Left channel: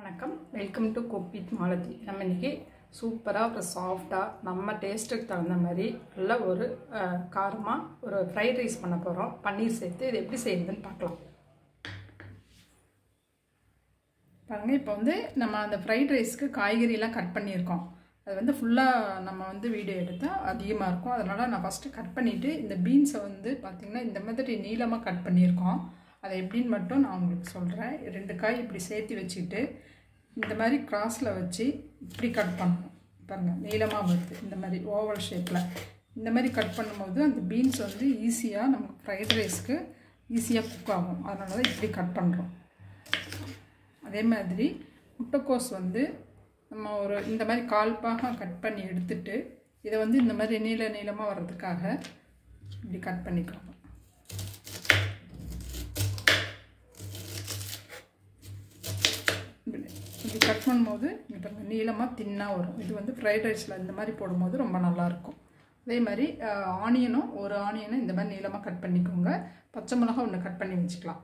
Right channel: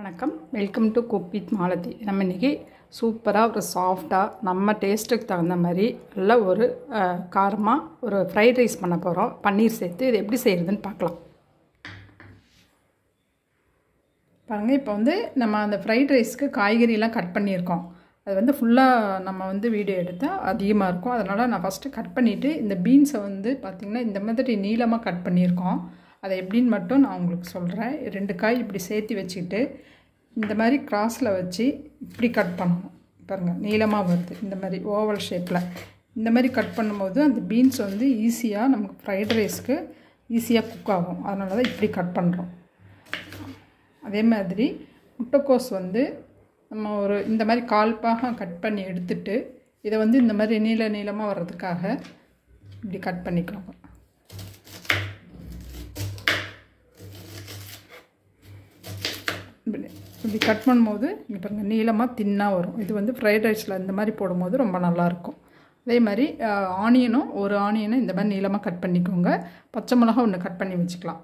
வணக்கம், welcome to cook with Malathi. நம்ம இன்றைக்கி சூப்பராக ஒரு சாஃப்டாக நம்ம டேஸ்ட்டுக்கு தகுந்த மாதிரி நல்ல ஒரு காரமாக ஒரு ஃப்ரைட் ரைஸ் பண்ண போகிறோம். பன்னீர் சேர்த்து இது எப்படி செய்கிறதுன்னு பார்க்கலாம். பாருங்கள், இப்போ நம்ம அந்த ஃப்ரைட் ரைஸ்க்கு காய்கறியெல்லாம் கட் பண்ணியிருக்கோம். அது ஃபுல்லாக நம்ம வீடியோ எடுத்தால் அதிகமாக இருக்கும். அதனால் நான் ஃபஸ்ட்டு கட் பண்ணிவிட்டு இந்த பீன்ஸை பார்த்திங்கன்னா இந்த மாதிரி நீளமாக கட் பண்ணியிருக்கோம். அதை எப்படின்னு மட்டும் நான் உங்களுக்கு சொல்கிறேன். 2 காய் இப்படி சேர்த்து வச்சுக்கிட்டு இந்த மாதிரி கிராஸில் வச்சு இப்படி கட் பண்ணணும். பாருங்கள், நீளமாக வருது. இந்த மாதிரி ஓவல் ஷேப்பில் இந்த மாதிரி கட் பண்ணும்போது அந்த பீன்ஸ் ஈஸியாக நமக்கு ஃப்ரைட் ரைஸ்க்கு ஈஸியாக குக் ஆகும். அதனால தான் இப்படி கட் பண்ணுறோம். அதே மாதிரி முட்டைக்கோஸ் நம்ம ஒரு இந்த மாதிரி கால்பாக கட் பண்ணி எடுத்துட்டு இதை இந்த மாதிரி நீளமாக வர்றதுக்காக இப்படி கட் பண்ணிக்கிறோம். இப்படி கட் பண்ணும்போது இங்கே பாருங்கள், நீளமாக தின்னாக வரும். இது ஃப்ரைட் ரைஸில் இந்த மாதிரி போடும்போது ரொம்ப நல்லாயிருக்கும். அதே மாதிரி ஆனியனும் ஒரு ஆனியனை இந்த மாதிரி நீளமாக கட் பண்ணிக்கோங்க. பச்சை மிளகா ஒன்று கட் பண்ணி வச்சுக்கலாம்.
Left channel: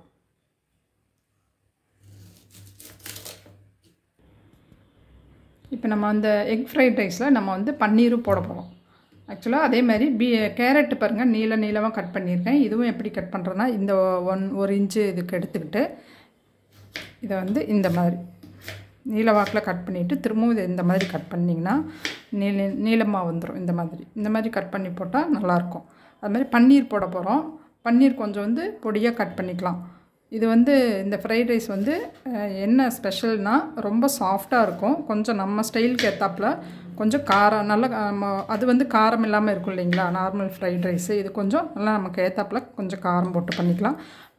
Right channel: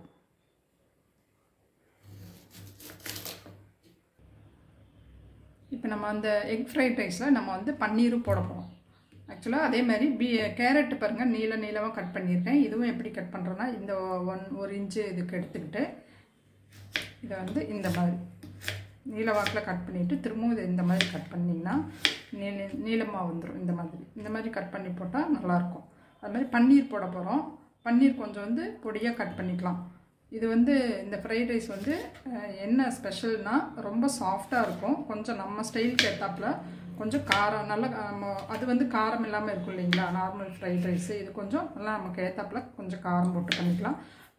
இப்போ நம்ம அந்த எக் ஃப்ரைட் ரைஸில் நம்ம பன்னீரும் போட போகிறோம். ஆக்சுவலாக அதே மாதிரி கேரட்டு பாருங்கள், நீளமாக கட் பண்ணியிருக்கேன். இதுவும் எப்படி கட் பண்ணுறோன்னா, இந்த 1 இன்ச்சு இதுக்கு எடுத்துக்கிட்டு இதை இந்த மாதிரி நீளவாக்கில் கட் பண்ணிவிட்டு திரும்பவும் இதை இந்த மாதிரி கட் பண்ணிங்கன்னா நீளமாக வந்துடும். இந்த மாதிரி கட் பண்ணி போட்டால் நல்லாயிருக்கும். அது மாதிரி பன்னீர் போட போகிறோம். பன்னீர் கொஞ்சம் பொடியாக கட் பண்ணிக்கலாம். இது இந்த ஃப்ரைட் ரைஸ் என்ன ஸ்பெஷல்னால் ரொம்ப சாஃப்டாக இருக்கும். கொஞ்சம் நம்ம ஸ்டைலுக்கு ஏற்றாப்புல கொஞ்சம் காரம் நல்லா அது காரம் இல்லாமல் இருக்கும் இல்லைங்களா, நார்மல் ஃப்ரைட் ரைஸு. இது கொஞ்சம் நல்லா நமக்கு ஏற்றாப்புல கொஞ்சம் காரம் போட்டு பண்ணிக்கலாம்.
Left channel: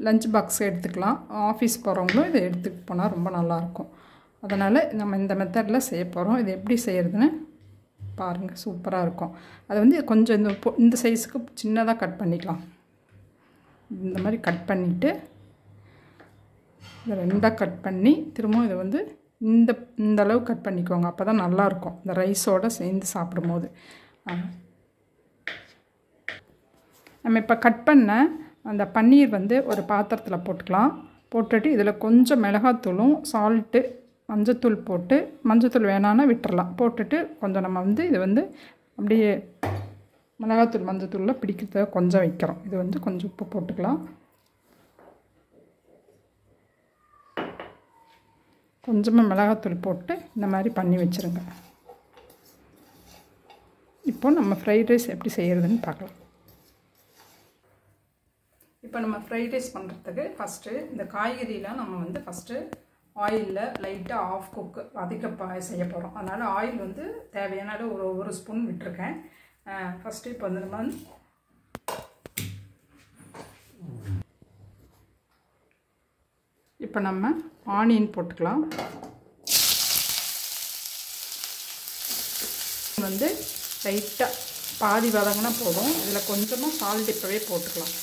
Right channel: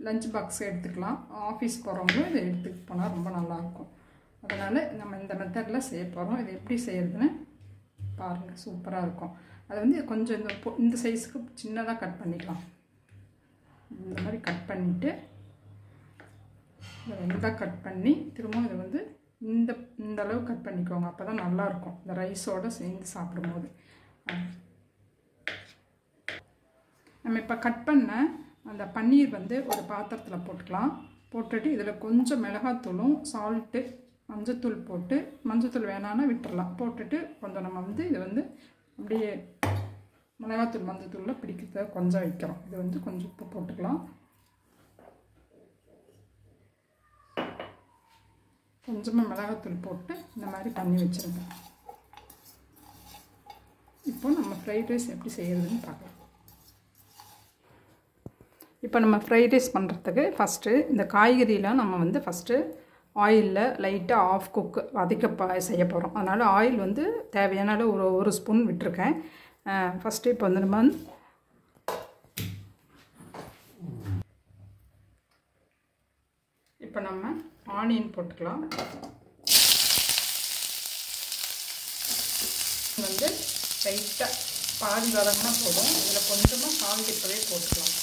லஞ்ச் பாக்ஸ் எடுத்துக்கலாம். ஆஃபீஸ் போகிறவங்களும் இதை எடுத்துகிட்டு போனால் ரொம்ப நல்லாயிருக்கும். அதனால் நம்ம இந்த மெத்தடில் செய்ய போகிறோம். இது எப்படி செய்கிறதுன்னு பாருங்கள், சூப்பராக இருக்கும். அது கொஞ்சம் இந்த சைஸுக்கு சின்னதாக கட் பண்ணிக்கலாம். இந்த மாதிரி கட் பண்ணிவிட்டு இதை 2ஆக கட் பண்ணி திரும்பவும் இதை இந்த அளவு கட் பண்ணிக்கோங்க. அப்போ தான் நல்லாயிருக்கும் இந்த ரைஸோடு சேர்ந்து சாப்பிடும்போது. நம்ம இப்போ கட் பண்ண அந்த பன்னீர் ஒரு பாத்திரத்தில் போட்டுக்கலாம். போட்டுட்டு இதில் கொஞ்சம் மிளகாத்தூளும் சால்ட்டு மஞ்சத்தூள் போட்டு, மஞ்சத்தூள் வேணான்னா விட்டுறலாம். போட்டுட்டு கொஞ்சம் நம்ம இது அப்படியே மிளகாத்தூள் மஞ்சத்தூளில் பிடிக்கிறதுக்கு கொஞ்சம் வைக்கிறோம். இது கொஞ்சம் உப்பு போட்டுக்கலாம். கொஞ்சமாக மிளகாத்தூள் போட்டு இந்த மாதிரி பண்ணி வச்சுருங்க. இப்போ நம்ம ஃப்ரைட் ரைஸ் எப்படி செய்கிறதுன்னு பார்க்கலாம். இப்போ நம்ம ஃப்ரைட் ரைஸ் பண்ணுறதுக்கு ஃபஸ்ட்டு இந்த காய்கறியெலாம் நம்ம ஃபஸ்ட்டு ஆயிலில் லைட்டாக ஆஃப் குக்கு வதக்க செய்ய போகிறோம். அதனால் ஆயில் தேவையான அளவு ஒரு ஸ்பூன் விட்டுருக்கேன். ஃபஸ்ட்டு இப்போ நம்ம ஆனியன் போட்டுக்கலாம். லைட்டாக பாதி வதங்கினா போதும். இதில் கொஞ்சமாக சால்ட் இப்போவே போட்டுக்கலாம்.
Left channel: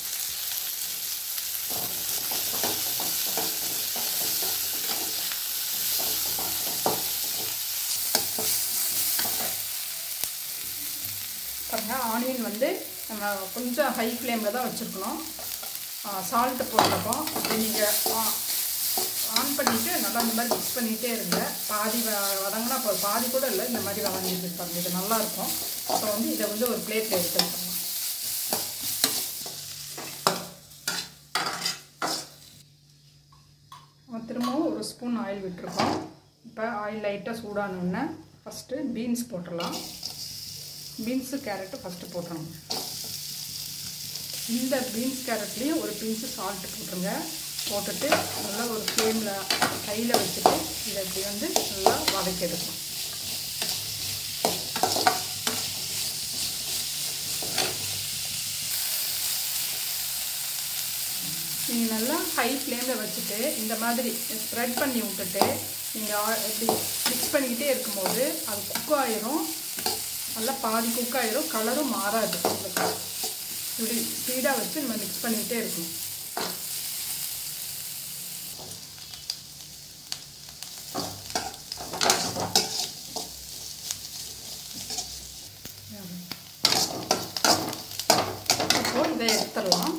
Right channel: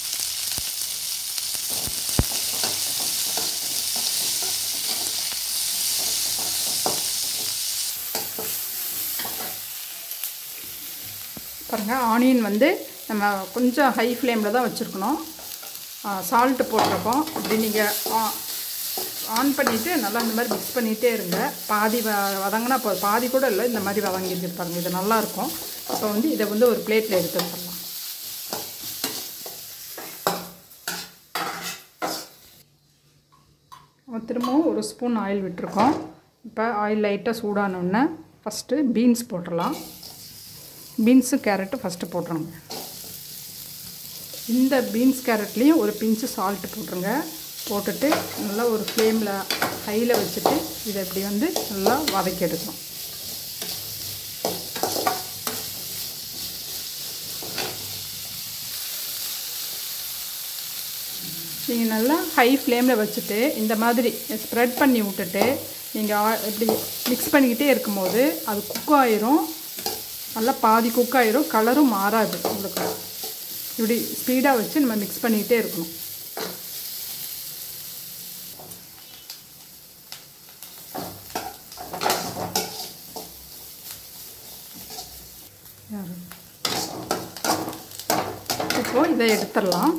பாருங்கள், ஆனியன் நம்ம கொஞ்சம் ஹை ஃப்ளேமில் தான் வச்சுருக்கணும். சால்ட்டு போட்டிருக்கோம். அப்படி நீங்கள் ஆன் பண்ணிவிட்டு நல்லா இந்த மாதிரி மிக்ஸ் பண்ணிகிட்டே இருங்க. பாதி வதங்கினா பாதி கூட இல்லை, இந்த மாதிரி வதங்கிட்டு பாருங்கள். இது நல்லாயிருக்கும். இப்போ இதை ஒரு பிளேட்டில் எடுத்து வச்சுக்கலாம். திரும்பவும் ஒரு ஸ்பூன் ஆயில் விட்டுருக்கோம். இப்போ ஆயில் லைட்டாக சூடானோடனே ஃபஸ்ட்டு பீன்ஸ் போட்டுடலாம். பீன்ஸு கேரட்டு ஃபஸ்ட்டு போட்டுருங்க. இந்த பீன்ஸ் கேரட்லேயும் ஒரு பிஞ்சு சால்ட்டு போட்டுருங்க. போட்டுட்டு நல்லா ஒரு ஃப்ளேமில் ஹையில் வச்சுட்டு இதை அப்படி நல்லா வதக்கி எடுக்கணும். நீங்கள் நல்லா ஹை ஃப்ளேமில் வச்சுட்டு இந்த மாதிரி ஸ்ப்ரெட் பண்ணி விட்டுட்டு நீங்கள் இப்படி மிக்ஸ் பண்ணிக்கிட்டே இருக்கும்போது அது குக் ஆயிரும். நல்லா பாதி குக் ஆயிரும். கலரும் மாறாது. உங்களுக்கு இப்படி ஸ்பீடாக வச்சு நம்ம மிக்ஸ் பண்ணிக்கிட்டே இருக்கணும். இப்போ இதை எடுத்துடலாம்.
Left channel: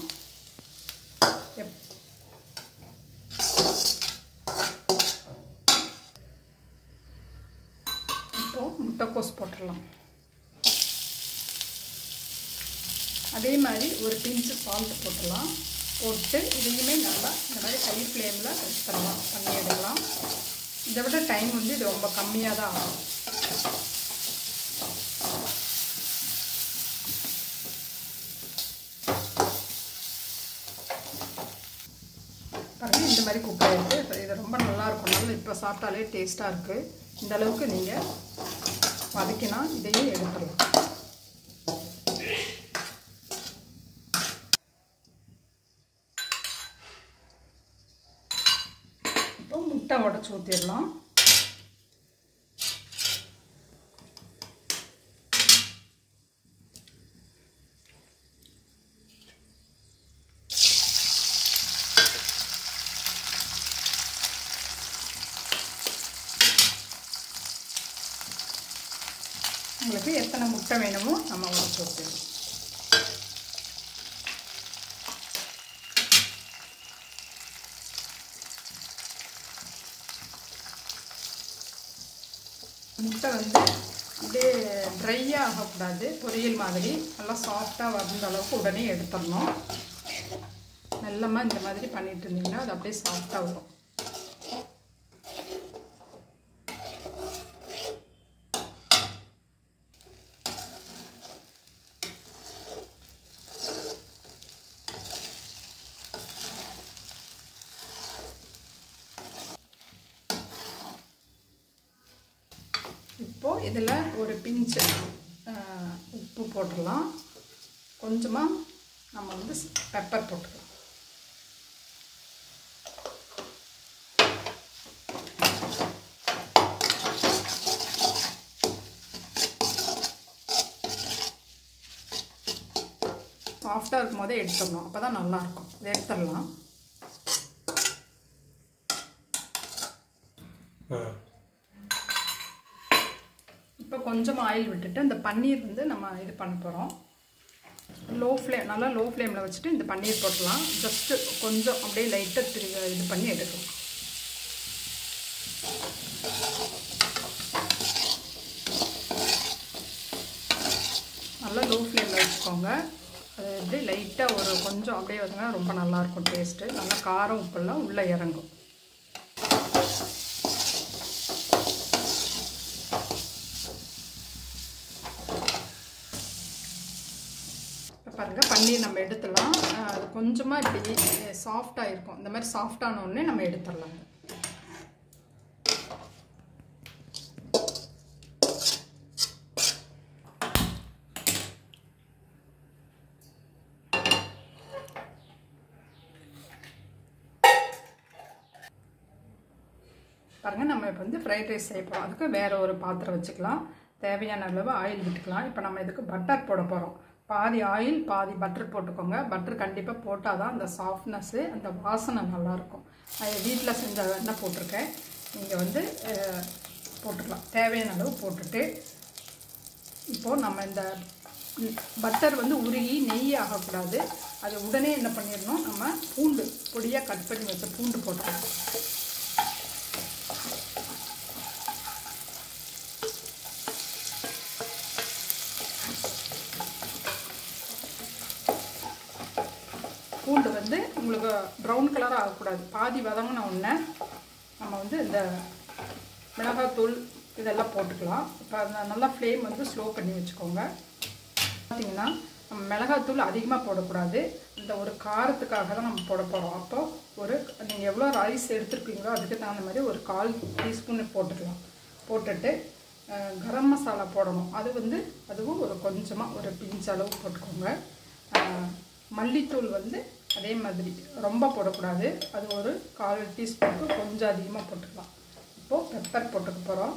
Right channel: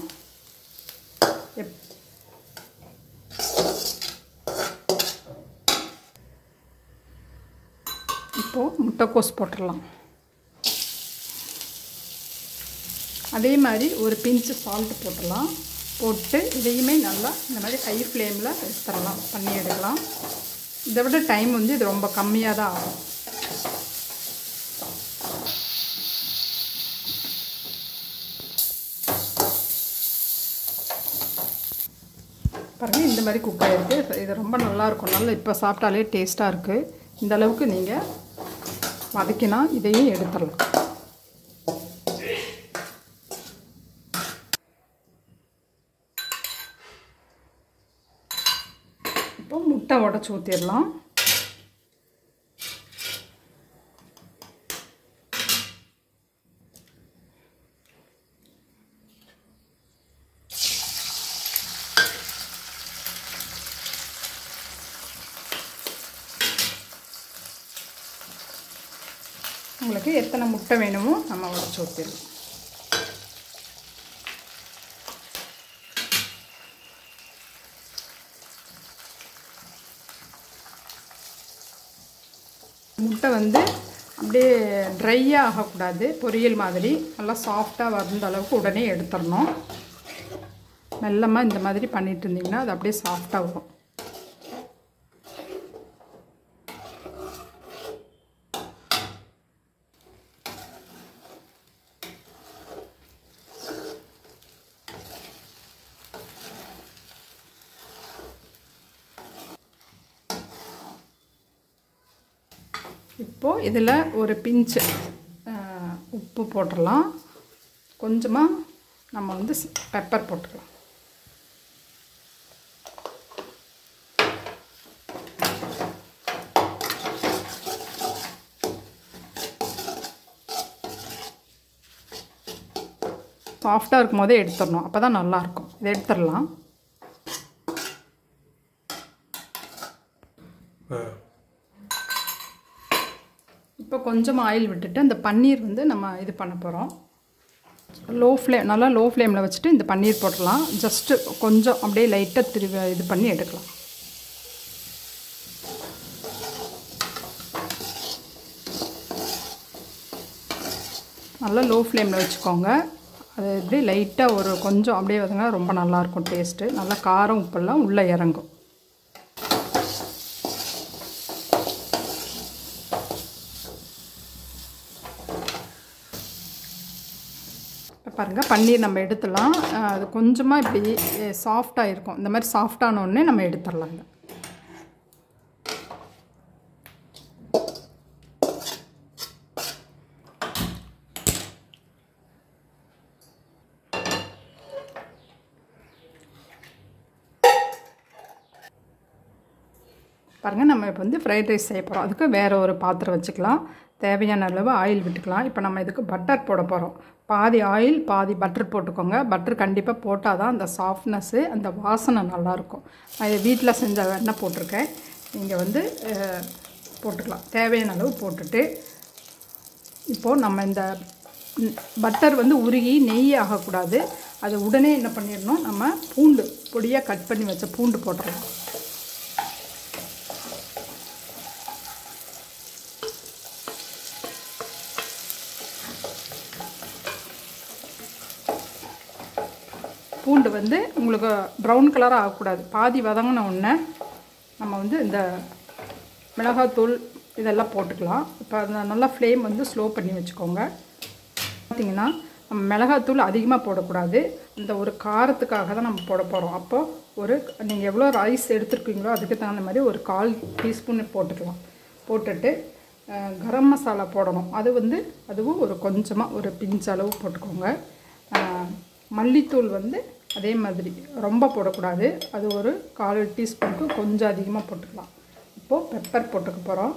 இப்போது முட்டைக்கோஸ் போட்டுடலாம். அதே மாதிரி ஒரு பிஞ்சு சால்ட் போட்டுடலாம். போட்டு இதையுமே நல்லா இந்த மாதிரி ஹை ஃப்ளேமில் எடுத்துடலாம், பண்ணி எடுக்கலாம். இதை விட டைம் வந்து இது ரொம்ப கம்மியாக தான் ஆகும். பாருங்கள், இந்த மாதிரி குக் ஆகிருக்கு. இது ரொம்ப நல்லாயிருக்கும். நல்லா இப்போ சாப்பிட்டாலே டேஸ்ட்டாக இருக்குது. இந்த அளவுக்கு நீங்கள் வதக்கினா இதையும் எடுத்துடலாம். இப்போ முட்டை உடச்சி ஊற்றிடலாம். உங்களுக்கு எத்தனை முட்டை வேணுமோ நம்ம உடச்சி ஊற்றிடலாம். முட்டை வந்து அப்படியே ட்ரையாக ஆகக்கூடாது, பொரியல் மாதிரி நல்லா சாஃப்டாக வந்த அளவுக்கு உடனே எடுத்துடணும். மெல்லமாக இந்த மாதிரி பண்ணிட்டு இருந்தீங்கன்னா அது அப்படியே சாஃப்டாக வரும். இப்போது இதில் ஒரு பிஞ்சு உப்பு போட்டுடலாம். கொஞ்சமாக நம்ம வந்து பெப்பர் போட்டுக்கலாம். சாஃப்டாக இருக்கும் போதே எடுத்துடணும், அப்போ தான் நல்லாயிருக்கும். இதை எடுத்துடலாம். இப்போ கொஞ்சம் ஆயில் விட்டுட்டு அந்த பன்னீர் வந்து நம்ம இது பண்ண போகிறோம். நல்லா லோ ஃப்ளேமில் வச்சுட்டு இந்த பன்னீர் போட்டுடலாம். ஜஸ்ட்டு கொஞ்சம் அப்படியே லைட்டாக இது பண்ணி எடுக்கலாம். நல்லா லோ ஃப்ளேமில் வச்சுக்கோங்க. அது அப்படியே லைட்டாக ஒரு கொஞ்சம் அப்படியே வதங்கினா ரொம்ப நல்லாயிருக்கும் டேஸ்ட்டு. நல்லா காரம் உப்பெல்லாம் உள்ளே இறங்கும். பாருங்கள், பன்னீர் நம்ம எடுத்துடலாம். அது கொஞ்சமாக இப்படி சாஃப்டாக இருக்கும். இந்த மாதிரி சாஃப்டான உடனே நம்ம எடுத்துடலாங்க. பாருங்கள், நம்ம இப்போ வந்து ஃப்ரைட் ரைஸ் செய்ய போகிறோம். அதுக்கு வேறு ஒரு பாத்திரம் வச்சுக்கலாம். தேவையான அளவு ஆயில் விட்டுக்கலாம். இப்போ நம்ம இதுக்கு பட்டர் போட போகிறோம். பாதி ஆயில் பாதி பட்டர் போட்டுக்கோங்க. பட்டர் கண்டிப்பாக போட்டால் தான் அந்த சாஃப்ட்னஸ்ஸு, அந்த வாசனை நல்லாயிருக்கும். நான் இதை வீட்டில் செஞ்ச எண்ணெய் போட்டிருக்கேன். நீங்கள் வந்து போட்டுக்கலாம். தேவையான அளவு போட்டுட்டு இப்போது நம்ம இந்த பட்டர் வந்து உருகி நெய் ஆகக்கூடாது. அதை உடனே என்ன பண்ணிடணும், நம்ம பூண்டு பொடியாக கட் பண்ணி வச்ச பூண்டு போட்டுடலாம். பூண்டு வந்து உங்களுக்கு ப்ரௌன் கலராக ஆகக்கூடாது. பாதி வதங்கின உடனே நம்ம வந்து இந்த மிளகாத்தூள் இதெல்லாம் போட்டுக்கலாம். இப்போ அந்த நல்லா ஃப்ளேம் வந்து ஸ்லோ பண்ணி வச்சுக்கோங்க. பார்த்திங்கன்னா நம்ம மிளகாத்தூள் அதிகமாக போடக்கூடாது. இந்த ஒரு காரத்துக்காக தான் நம்ம போட போகிறோம். அப்போது நீங்கள் எவ்வளோ ரைஸ் எடுத்துருக்கீங்களோ அதுக்கு தகுந்த மாதிரி ஒரு 1/4 டீஸ்பூன் போட்டுக்கலாம். போட்டுட்டு கரம் மசாலா போடணும். அதுவும் ஒரு கொஞ்சமாக ஒரு பிஞ்ச் அளவு போட்டுக்கோங்க. மல்லித்தூள் வந்து அதே மாதிரி ரொம்ப போடக்கூடாது. அது ஒரு 1/4 டீஸ்பூனுக்கு கொஞ்சம் அதிகமாக போட்டுக்கலாம். இப்போது பெப்பர் போட்டுக்க போகிறோம்.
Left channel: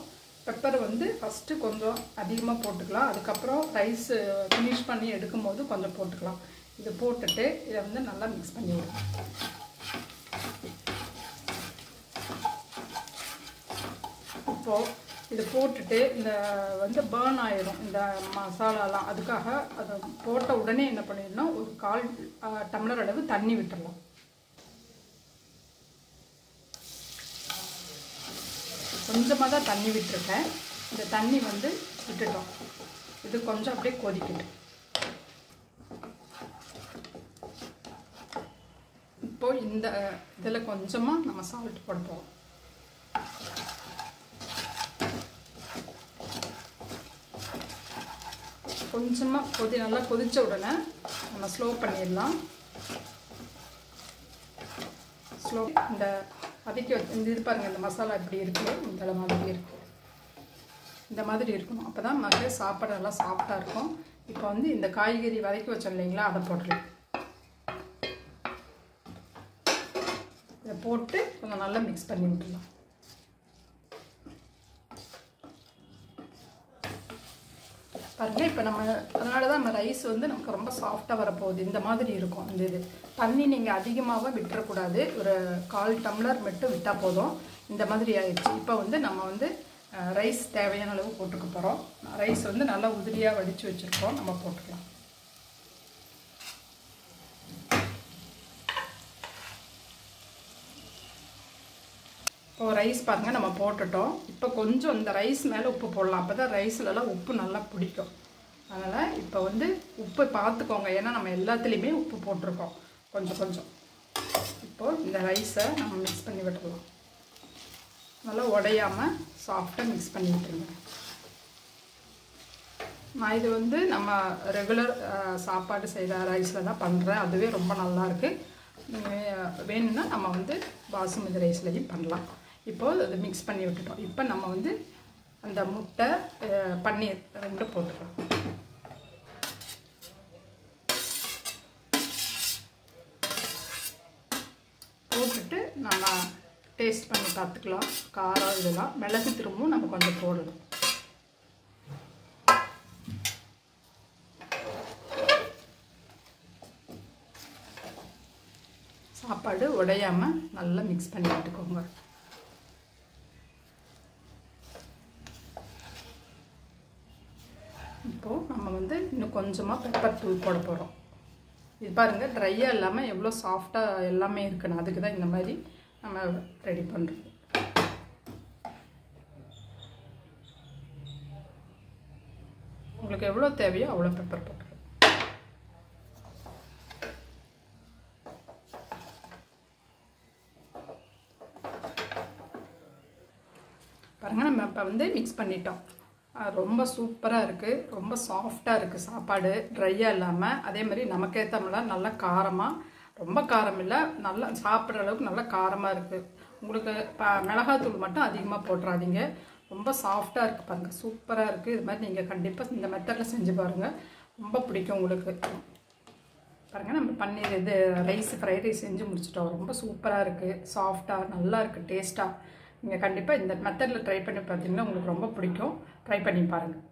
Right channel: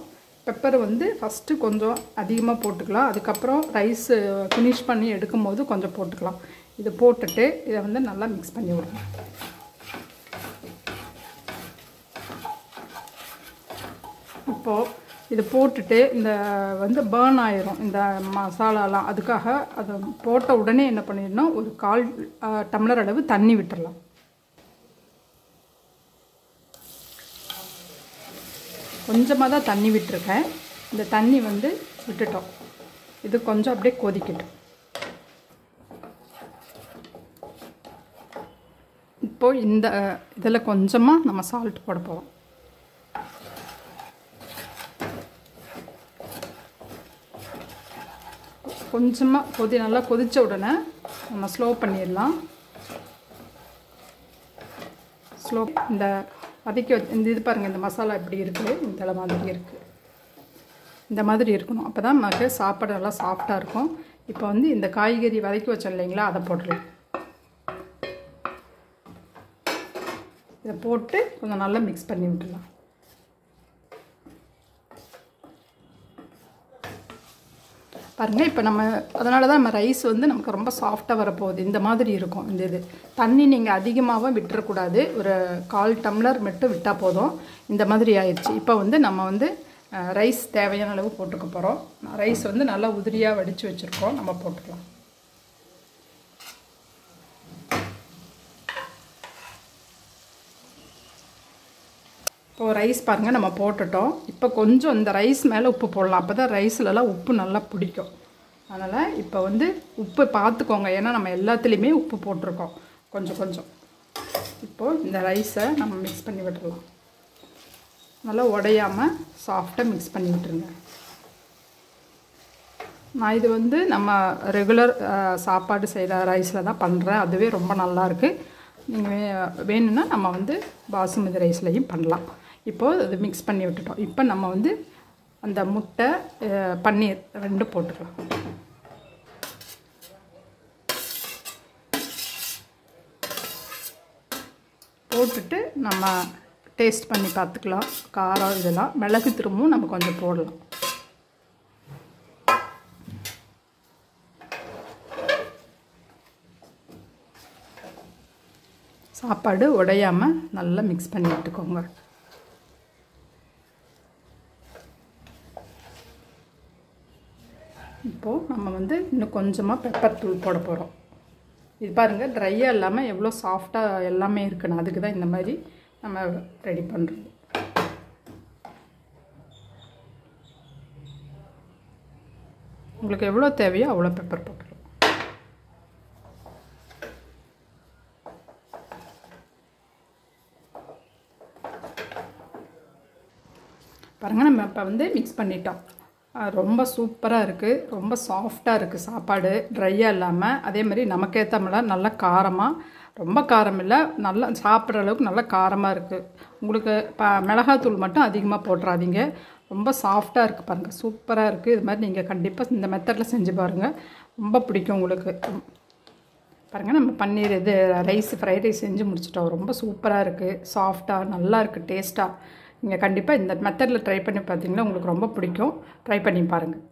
பெப்பர் வந்து ஃபஸ்ட்டு கொஞ்சம் அதிகமாக போட்டுக்கலாம். அதுக்கப்புறம் ரைஸ் ஃபினிஷ் பண்ணி எடுக்கும்போது கொஞ்சம் போட்டுக்கலாம். இது போட்டுட்டு இதை வந்து நல்லா மிக்ஸ் பண்ணி விடணும். இப்போது இது போட்டுட்டு இந்த வந்து பர்ன் ஆயிரும் இந்த மசாலாலாம். அதுக்காக அதை போட்ட உடனே என்ன பண்ணிடணும், ஒரு 1/4 டம்ளர் அளவு தண்ணி விட்டுடலாம். கொஞ்சமாக தான் தண்ணி விட்டுருக்கேன். இந்த தண்ணி வந்து விட்டுட்டோம். இது கொஞ்சம் அப்படியே கொதிக்கட்டும். இப்போது இந்த இதில் கொஞ்சமாக நம்ம சால்ட் போட போகிறோம். கொஞ்சமாக நல்லா கொதித்த உடனே நம்ம ஸ்லோ பண்ணிடலாம். ஸ்லோ இந்த வதக்கி இந்த இது பாருங்கள், இந்த மசாலா இப்படி இருக்குது, இந்த மாதிரி இருக்குது. இந்த மாதிரி இருக்கணும். அப்போ தான் நமக்கு சாப்பாடு நல்லா சாஃப்டாக இருக்கும். இப்போ வந்து இந்த காய்கறி வதக்கி வச்சோம் இல்லைங்களா, அதை போட்டுடலாம். இதை போட்டு கொஞ்சம் நல்லா மிக்ஸ் பண்ணி விட்டுடலாம். பாருங்கள், இப்போ நம்ம அதனால தான் நம்ம ரைஸ் வந்து நமக்கு ரொம்ப சாஃப்டாக வரப்போகுது. இந்த மாதிரி இருக்கும். இந்த இது தண்ணி நீங்கள் அதிகமாகவும் விட்டுறக்கூடாது. ஒரு 1/4 டம்ளர் மட்டும் விட்டால் போதும். இந்த மாதிரி ஆயிடுச்சு. இப்போ வந்து நம்ம வந்து ரைஸ் தேவையான அளவு போட்டுக்க போகிறோம். ரைஸ் வந்து நல்லா உதிரியாக வடித்து வச்சுருக்கோம், நம்ம போட்டுக்கலாம். இப்போது ரைஸ் பாருங்கள் நம்ம போட்டுட்டோம். இப்போ கொஞ்சம் இந்த ரைஸ் மேலே உப்பு போடலாம். அப்போ தான் ரைஸ்லலாம் உப்பு நல்லா பிடிக்கும். அதனால் இப்போ வந்து உப்பு பார்த்துக்கோங்க, ஏன்னா நம்ம எல்லாத்துலேயுமே உப்பு போட்டிருக்கோம் கொஞ்சம் கொஞ்சம். இப்போது இந்த ரைஸை நம்ம மிக்ஸ் பண்ணி விட்டுடலாம். நல்லா உடையாமல் சாஃப்டாக மிக்ஸ் பண்ணி விட்டுருங்க. நான் இது வந்து நம்ம ரெகுலர் சாப்பாடு செய்கிற ரைஸில் தான் பண்ணுறேன். அதுவே ரொம்ப நல்லாயிருக்கு. நீங்கள் வேணும்னா நம்ம வந்து பாசுமதி ரைஸ்லையும் பண்ணலாம். இப்போது அது மிக்ஸ் பண்ணி விட்டுட்டோம். இப்போ நம்ம வந்து அந்த முட்டை பன்னீர் 2 போட்டுக்கலாம். போட்டுட்டு நம்ம டேஸ்ட் பண்ணி பார்த்துக்கலாம். காரம் இதெல்லாம் மிளகு திரும்பவும் நம்ம கொஞ்சம் போடலாம். சாப்பாடு உடையாமல் நல்லா மிக்ஸ் பண்ணி விட்டுக்கோங்க. இப்போது நம்ம வந்து இன்னும் கொஞ்சமாக பெப்பர் தூள் போட போகிறோம். இது பாருங்கள், ட்ரையாக இல்லாமல் எவ்வளோ சாஃப்டாக எல்லாமே இருக்குன்னு. அதுக்கு தான் இந்த மாதிரி நம்ம ரெடி பண்ணுறோம். உங்களுக்கு எவ்வளோ தேவையோ அவ்வளோ பெப்பர் போட்டுருவோம். பாருங்கள், நம்ம இப்போ வந்து மிக்ஸ் பண்ணிட்டோம். ரொம்ப சூப்பராக இருக்குது. ரொம்ப சாஃப்டாக இருக்குது சாப்பாடு, ட்ரையாக இல்லாமல். அதே மாதிரி நமக்கேற்ற மாதிரி நல்லா காரமாக, ரொம்ப காரம் இல்லை, நல்லா சாப்பிட்ற அளவுக்கு நல்லா காரமாக இருக்குது. உங்களுக்கு மிளகாத்தூள் மட்டும் அதிகமாக போட்டுறாதீங்க. ரொம்ப சாஃப்டாக இருக்குது பாருங்கள், சூப்பராக இருக்குது. இது மாதிரி நீங்கள் கண்டிப்பாக இந்த மெத்தடில் செஞ்சு பாருங்கள், ரொம்ப பிடிக்கும் உங்களுக்கு. பாருங்கள், நம்ம பன்னீர் இது ரைஸ் ஃப்ரைட் ரைஸ் செஞ்சு முடிச்சிட்டோம். ரொம்ப சூப்பராக இருக்குது, சாஃப்டாக நல்லா இருக்குது, டேஸ்ட்டாக. நீங்கள் கண்டிப்பாக இந்த மெத்தடில் ட்ரை பண்ணி பார்த்தீங்கன்னா உங்களுக்கு ரொம்ப பிடிக்கும். ட்ரை பண்ணி பாருங்கள்.